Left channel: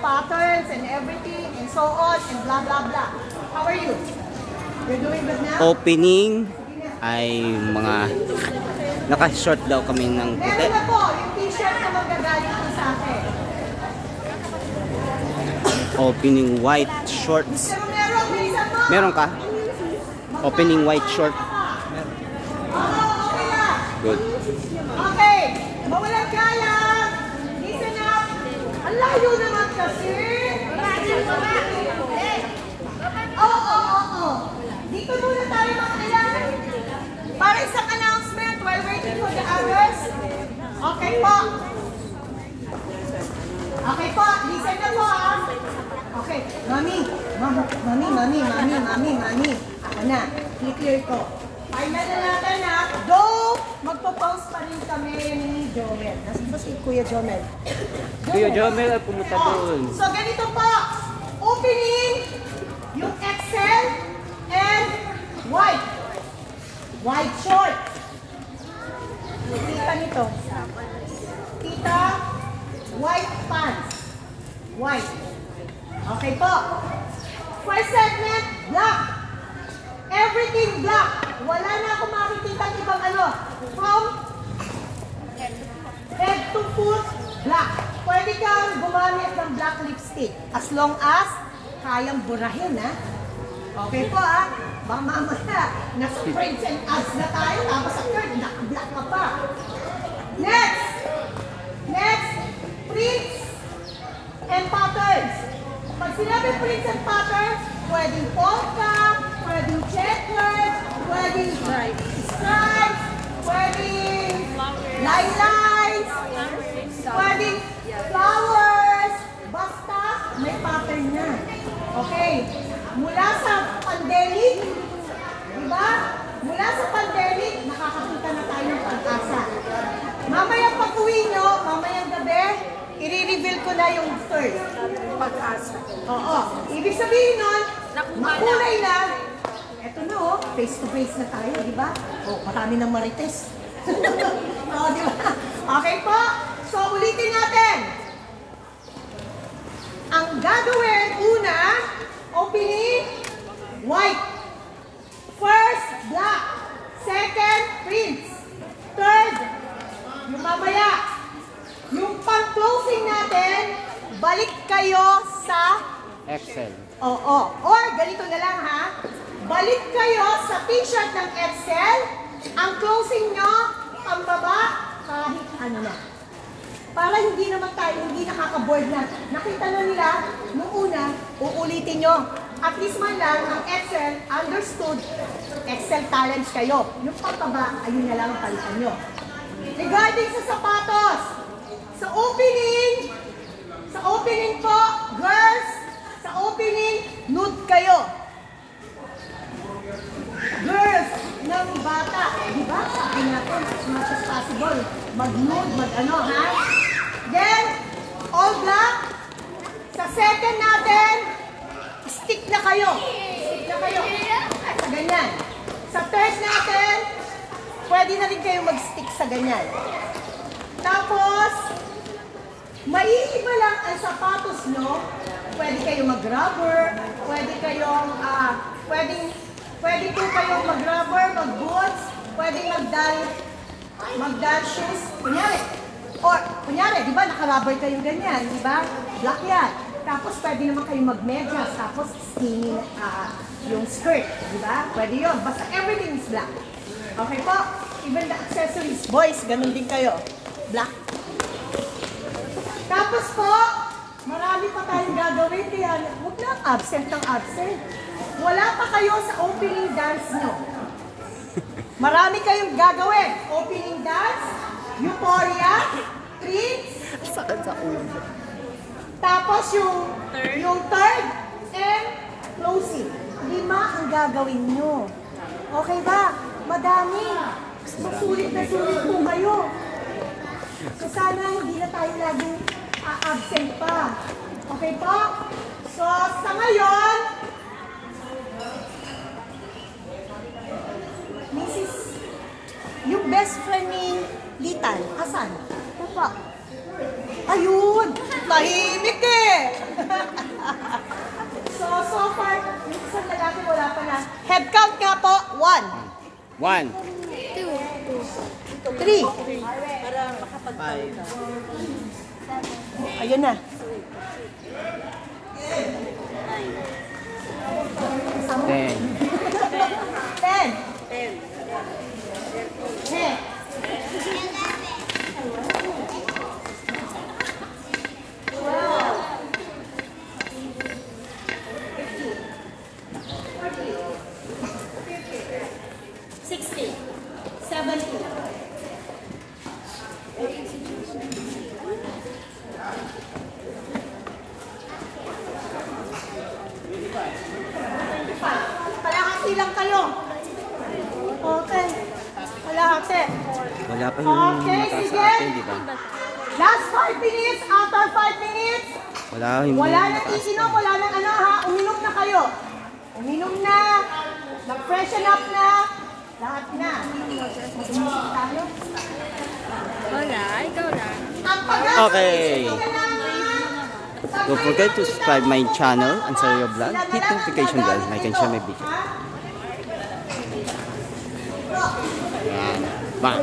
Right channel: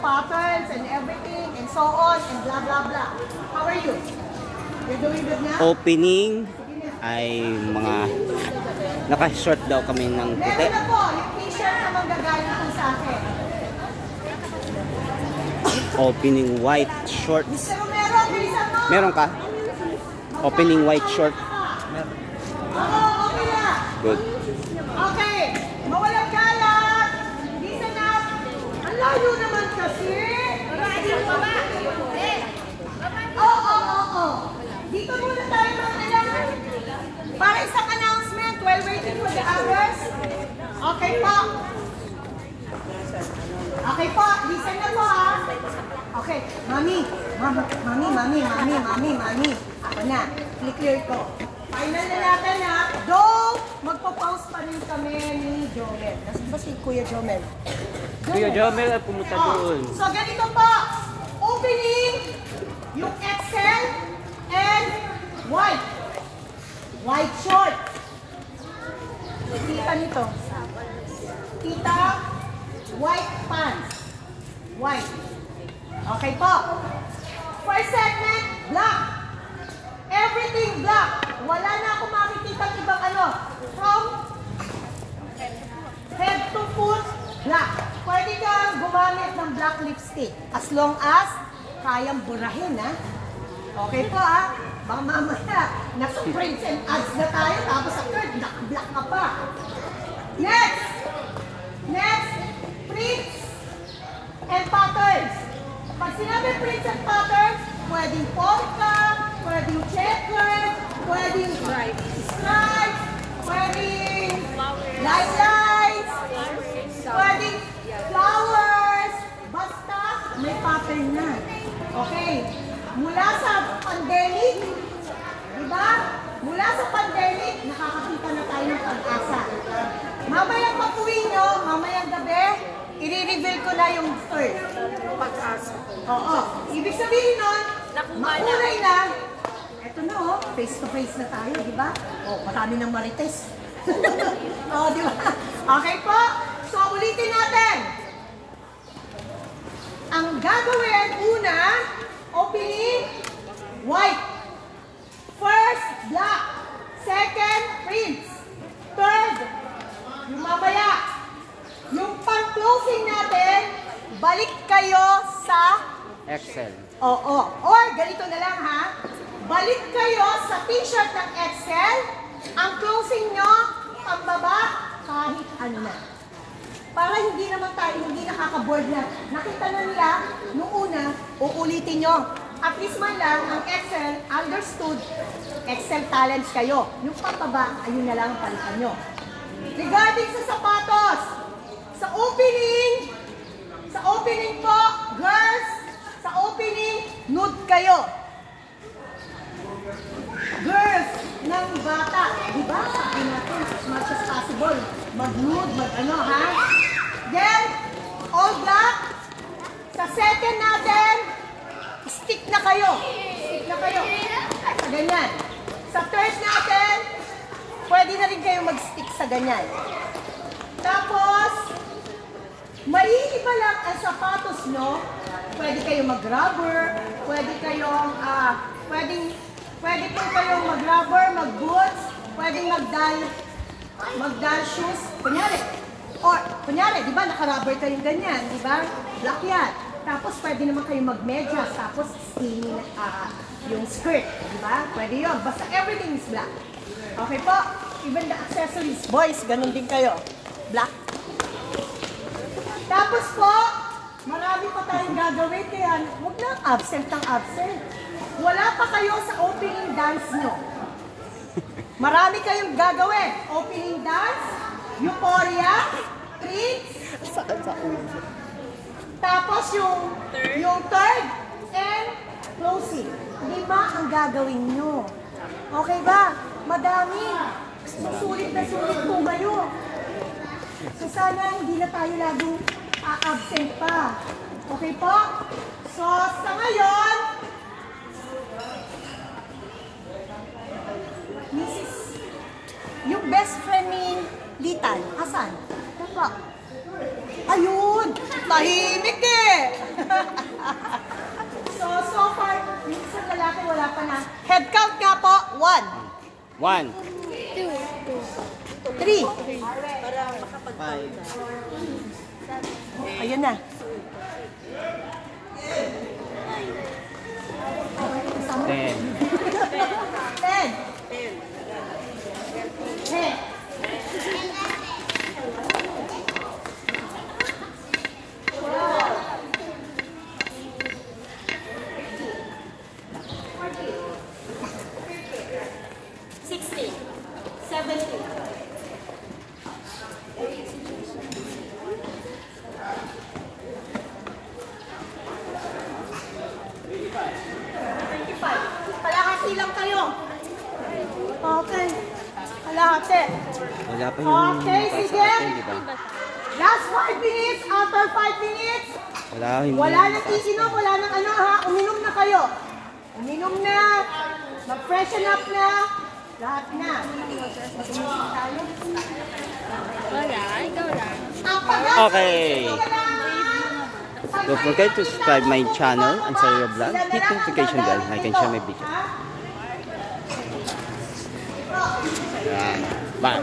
patterns and everything and so on and blah blah blah. How are you? You're doing good now? Opening ay mga naka-short daw kami ng puti. Meron na po yung t-shirt na manggagaling po sa akin. Opening white shorts. Pero meron, bilisan mo. Meron ka? Opening white short. Meron. Oo, okay na. Good. Okay, mawalang galang. Listen up. Ang layo naman kasi. Oo. Dito muna tayo mga ilan. Para isang announcement while waiting for the hours. Okay po. Okay po, listen na po ha. Okay, mami. Ako na, clear ko. Final na natin ha. Though, magpo-post pa rin kami ni Jomel. Nasaan ba si Kuya Jomel? Kuya Jomel ay pumunta doon. So, ganito po. Opening, yung XL and white. White short. Kita nito. Kita, white pants. White. Okay po. First segment, black. Everything black. Wala na ako makikita ibang ano. From head to foot, black. Pwede kang gumamit ng black lipstick. As long as kayang burahin, ha? Okay po, ha? Baka mamaya, nasa prints and ads na tayo, tapos sa third, naka-black ka pa. Next, prints and patterns. Pag sinabi prints and patterns, pwedeng polka, pwedeng checkered, pwedeng stripes, pwedeng line lines, pwedeng flowers, basta may pattern na. Okay, mula sa pandemic, diba? Mula sa pandemic, nakakakita na tayo ng pag-asa. Mamaya pag-uwi nyo, mamayang gabi, i-reveal ko na yung third. Pag-asa. Oo. Ibig sabihin nun, makulay na. Eto na oh, face to face na tayo, di ba? Oh, marami ng marites. Oh, di ba? Okay po. So, ulitin natin. Ang gagawin, una, opening, white. First, black. Second, prints. Third, yung mamaya. Yung pang-closing natin, balik kayo sa Excel. Oo. Or, ganito na lang ha. Balik kayo sa t-shirt ng Excel. Ang closing nyo, pambaba, kahit ano na. Para hindi naman tayo, hindi nakaka-board na. Nakita na nila, nung una, uulitin nyo. At least man lang, ang Excel, understood, Excel talents kayo. Yung pambaba, ayun na lang ang palitan nyo. Regarding sa sapatos, sa opening po, girls, sa opening, nude kayo. Girls ng bata, di ba? Sabi natin, as much as possible, mag-nude, mag-ano, ha? Then, all black. Sa second natin, stick na kayo. Sa ganyan. Sa third natin, pwede na rin kayo mag-stick sa ganyan. Tapos, maiiba lang ang sapatos nyo. Pwede kayong mag-rubber, pwede po kayong mag-rubber, mag-boots, pwede mag-dal shoes. Kunyari, di ba, naka-rubber kayong ganyan, di ba? Black yan. Tapos, pwede naman kayong mag-medyas, tapos skinny yung skirt, di ba? Pwede yun. Basta everything is black. Okay po? Even the accessories. Boys, ganun din kayo. Black. Tapos po, marami pa tayong gagawin, kaya huwag na absent ng absent. Wala pa kayo sa opening dance nyo. Marami kayong gagawin. Opening dance, euphoria, treats, tapos yung third, and closing. 5 ang gagawin nyo. Okay ba? Madami. Sulit na sulit po kayo. So sana hindi na tayo laging absent pa. Okay po? So sa ngayon, Mrs. Yung best friend ni Litan, asan? Ito po. Ayun! Tahimik eh! pag-usapan na. Head count nga po, 1, 1, 3. Ayun na. 10, 10. 60, 70. 25. Kalahati lang kayo. Okay. Kalahati. wala pa yung Okay, mataas sige. sa atin, di ba? Last 5 minutes. After 5 minutes, Wala, hindi wala nang mataas. iinom, wala nang ano ha. Uminom na kayo. Uminom na. Mag-freshen up na. Lahat na. Wala, ikaw lang. Ang pag- Okay. Don't forget to subscribe my channel, Ansario Vlog. Hit notification bell, like and share my video. Yan. Bye.